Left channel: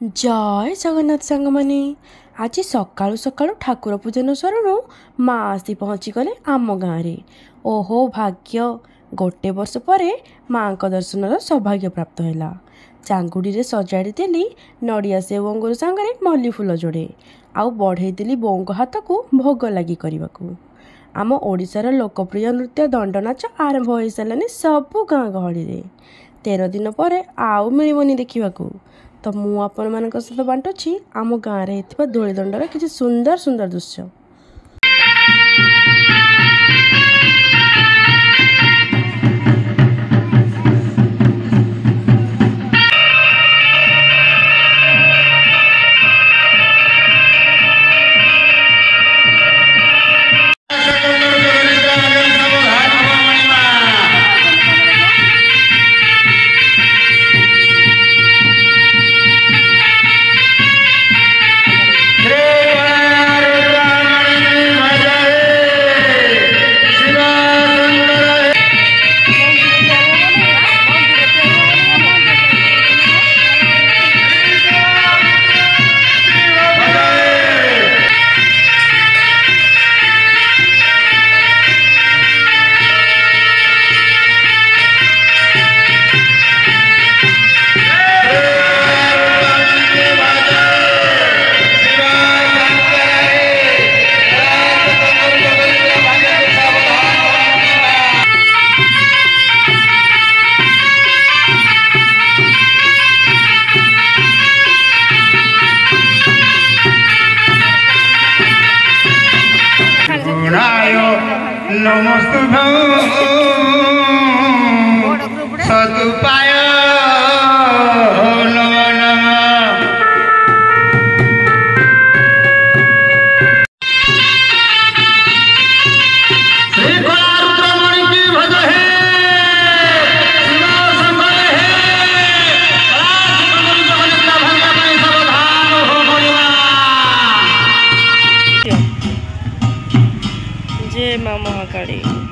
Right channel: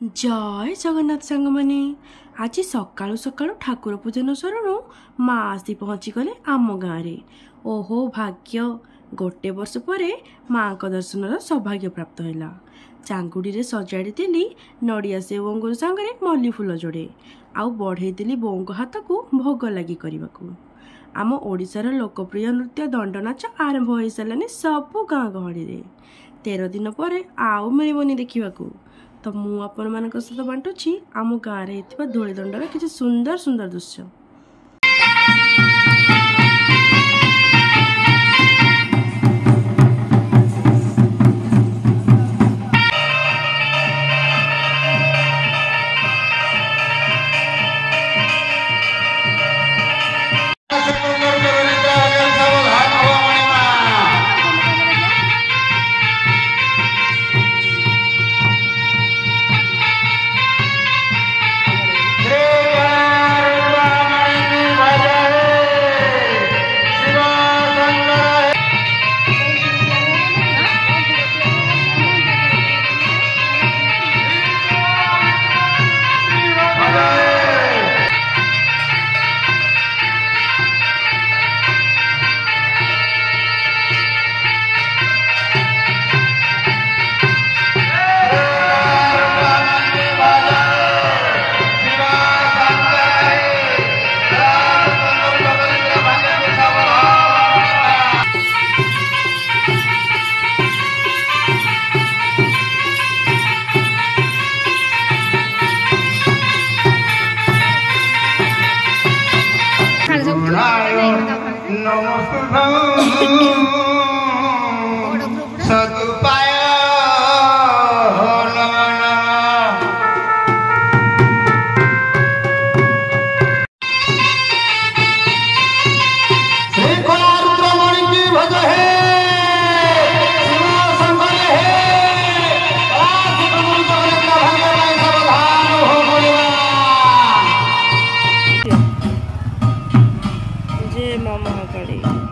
जय जगन्नाथ सांग मैंने आज सकाळु सकाळु ठाकुर पूजन सरणु माँ आसी पहुँची गले आम गाँव। ओहो भाग्य गोटे वर्ष पर माँ का दर्शन सौभाग्य प्राप्त है। चांगुड़ी रे सजाड़ी देली नड़िया सेव अंगूर सांगरे मल्ली फूल जोड़े आउ बढ़ई देली बों हाथ को भोग लगी करने को। आम ओडिशार लोकप्रिय नृत्य दंड नाच आरंभ हो सारे सबु गाँ गहली। 13 दिन पर आउ मिलबनी देखा। तो मु आपण मानक सहित बांटुछि आम गाँव में धूली दंडर किसी सुंदर सुंदर दृश्य। जय माँ महाकाली।